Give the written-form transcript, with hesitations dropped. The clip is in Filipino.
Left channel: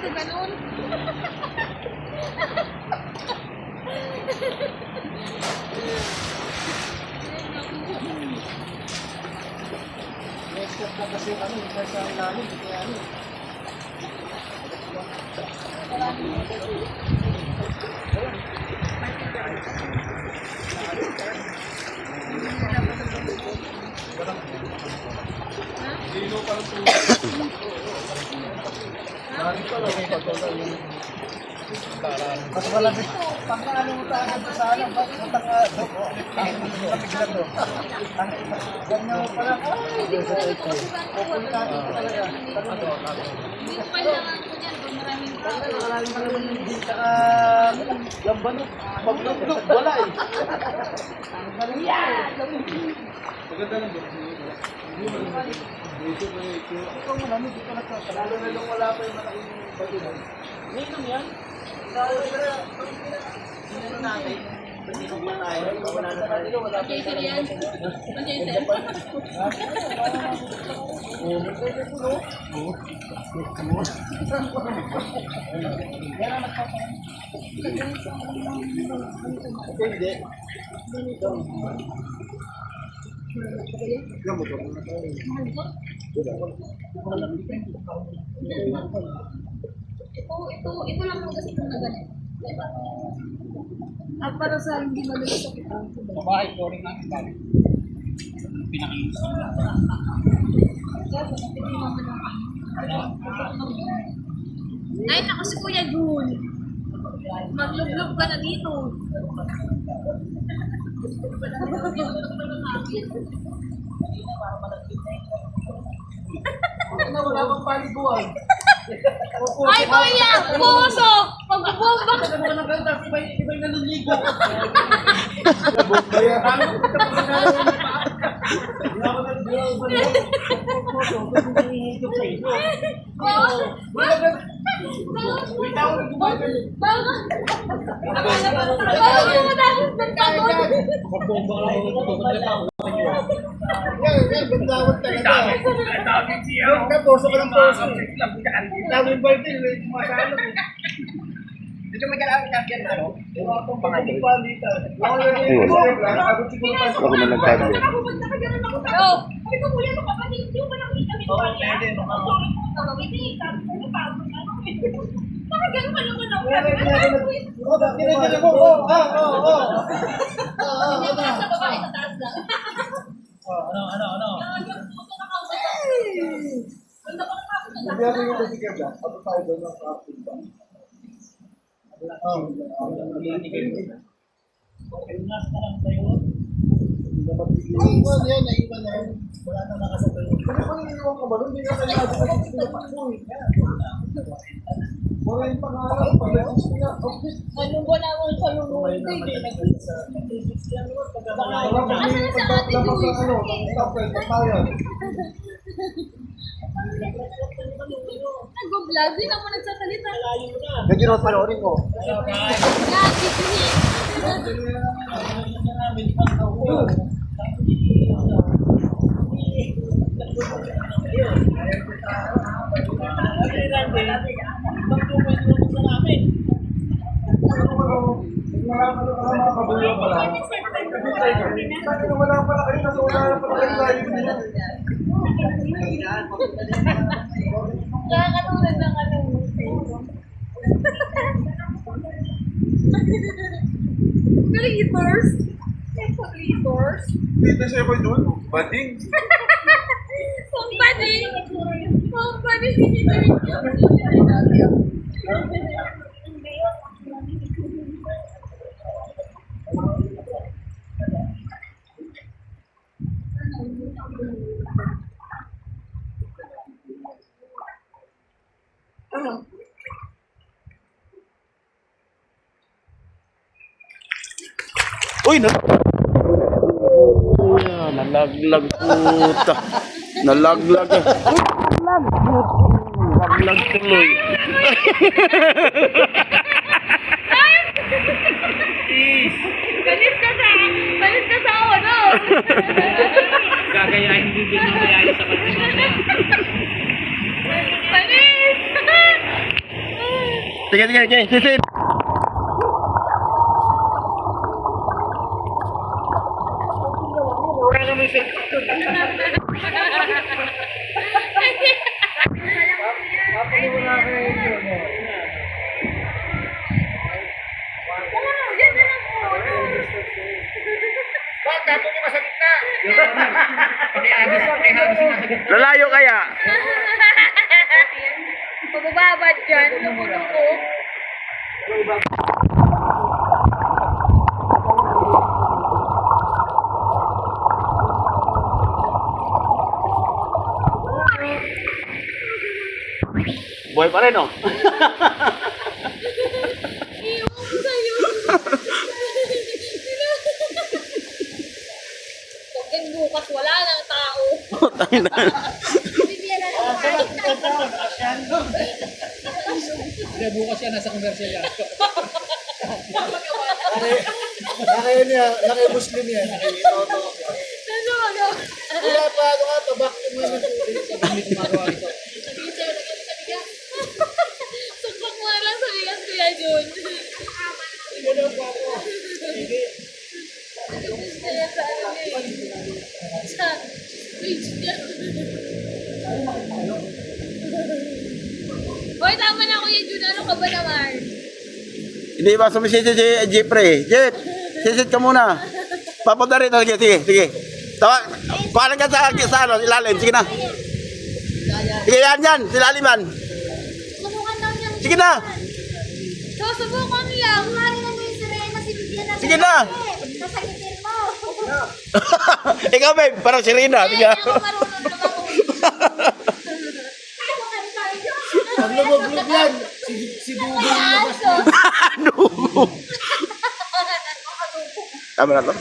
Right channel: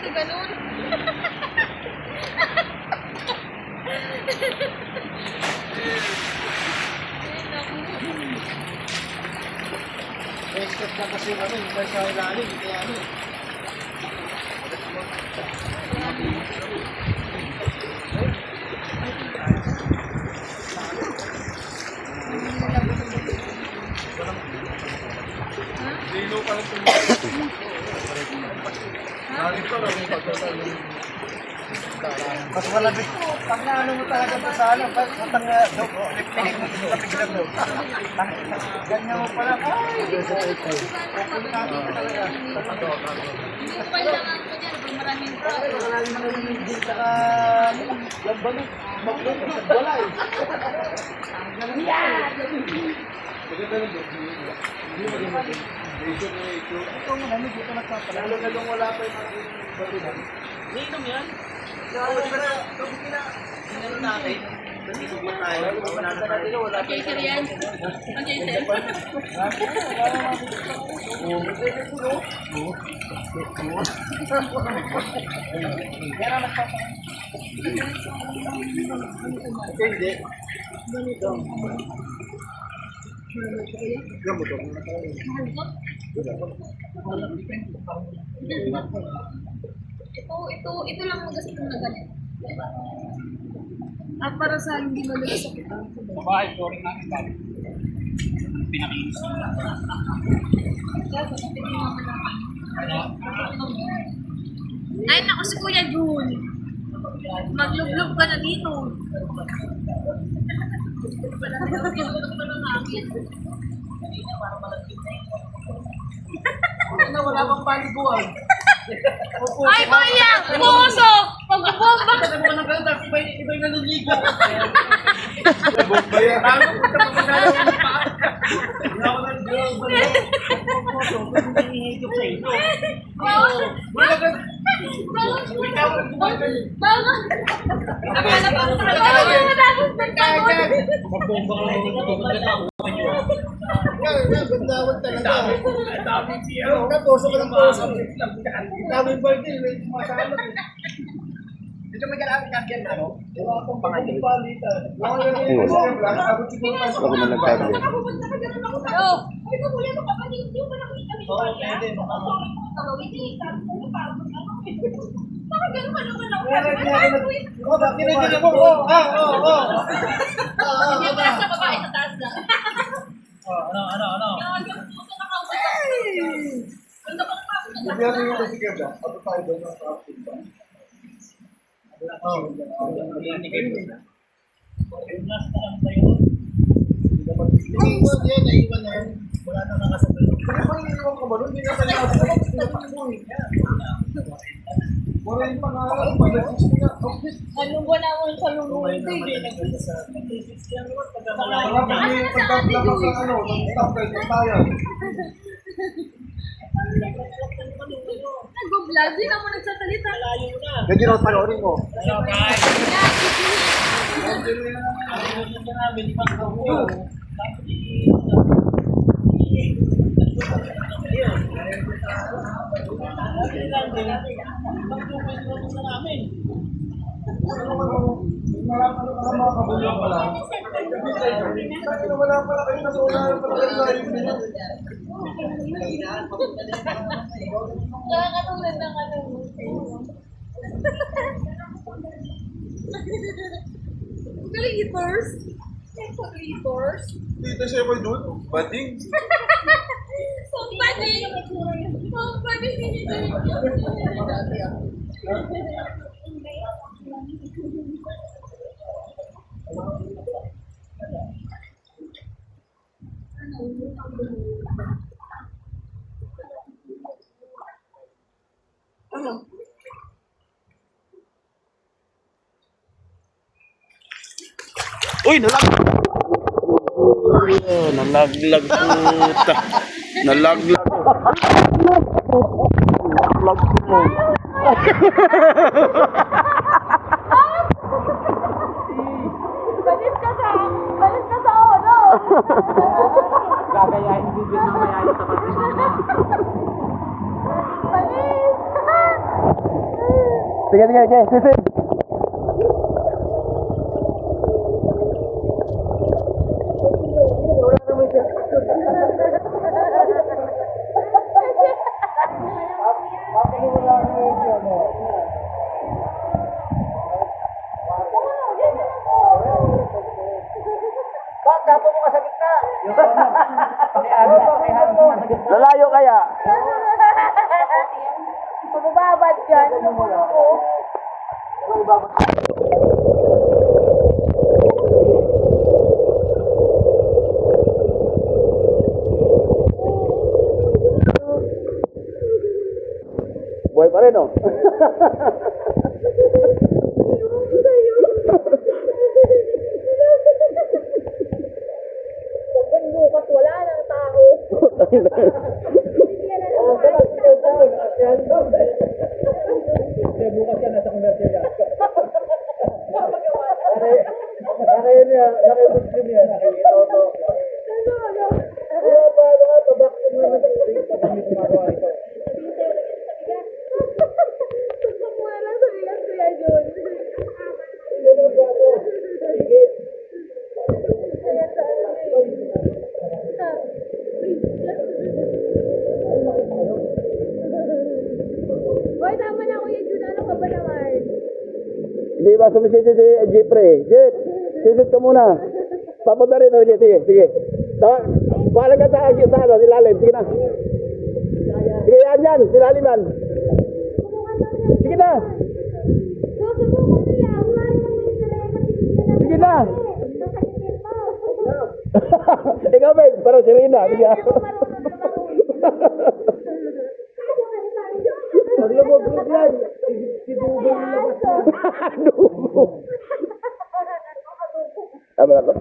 ka ganun. Expert na kasi ano, yung sa ilalim, kaya ano. Lino pa lang itong bakit pa lang? Mas malabit. Pag naano mo talaga ito sa alam, matang pinag-pinag mo. Ganyan mo pala. Ay, pupunta natin talaga. Hindi ko pala lang ako dyan. Maraming tao. Hindi ka lambanin. Maglugtog, wala eh. Ang galing yan! Maganda yung doktor. Ito mo namin, dito nagpapalalo na yung wala pa yung malaking batunan. Ninong yan? Pero natin, hindi mo tayo, wala na tayo, wala tayo. Okay, sir yan. Okay, sir. Yan ang nagpapalalo. Okay, hindi. Ganito. Ito lang ang gusto na ganito. At para sa hindi malulis sa kita. Sa bahay, flooring natin dati. Pinakinis. Ay, naku si Kuya Jun. Maglublog ka na dito. Wala pang paliguan. Ay, Kuya! Puso! Pagbubomba! Kasi mo ka nagkanta, iba'y naliligo. Bumba yan. Ano ko ito pagkakala ng paa? Hindi ako nag-bumba. Puso, hindi hihigop sa ito. Wala ka. Bago! Magbomba ka lang ito. Yan, bandawad talaga. Yung puso ka ng puso. Tawin ba ito? Masalot eh. Dito may kailangan kagyan na, no? Wala akong pagpapalitan. Ako na nagkagyan. Nakapupunta ka dyan ako sa'yo. Sabi ko, Kuya, makapatid. Yung pa nakita mo Oo, pa niya. pwede. Hindi, sabi ko, napagod. Nakagano ka naman ako. Kinikilig mo. Oo. Hindi mo nasa babae sa taas lang. Ano? Yung puso nakaupo. Ganda pa naman ako. Hindi natin yung kasi kaya. Ato tayo doon ng kapit ba? Oo. Naiwan yan, naiwan na yan. Wala na nakasabay. Kasi pag iniwan ka ba nun, hindi ka pa niya pinatakbo eh. Wala yung pangalan, pag-assist nga. Anong wala mo sa lulunod? Wala pa yung pagkakala sa ano, tapos tayo. Nag-vlog, di naman nagsasalita. Pwede naman panoorin ko. Wala pala kayo na wala pala kayo. Nakakatulad ng ano. Glitters? Glitters? Dito siya ko doon. Bading. Somebody! Somebody! Uy, nalaglag puta. Nalaglag. Nalaglag tuloy. Balis ka sa ano? Gagayahin din din ang nangyayari sa kapitbahay. Balis! Sige, sige, sige. Sisid. Bakit dapo mo ka sa gitna? Pakihagis yung nasa gitna. Lalayo kaya. Magbababad dyan. Lumuko. Boy pa rin, oh. Iiwan ko sa'yo. Huwag bukas, wala nang tao. Bukas yan, nasa commercial yan. Nakayon niya, nakayo-Muslim yan. Nakayo-Toto. Ano, ano? Kaya paano nga ito, bakit mo naman ito? Hindi kumagawa ito. Sabihin sa'yo, naging sa bigas. Sumpak mo lang sa bigas, Kuya Jun. Hindi na po ako. Sige. Kaya sa sa page niya. Hoy, tama na Kuya Jun. Ano ka ba naman? Hindi ba sumisid si Jeffrey? Jeff, sisid ka muna. Papunta rin. Sige, sige, sige. Kuhalan ka sa ano, ilalim. Sige na. Sige, yan. Silaliman. Subukan daw niya. Sige na. So, subukan lang. Sige na. Sasakitin mo. Ikaw, babe. Parang si Rina. Sige na. Hindi ako marunong lumangoy. Pag lumubog yan, si Dudong yung labas. Dugo. Tama na to?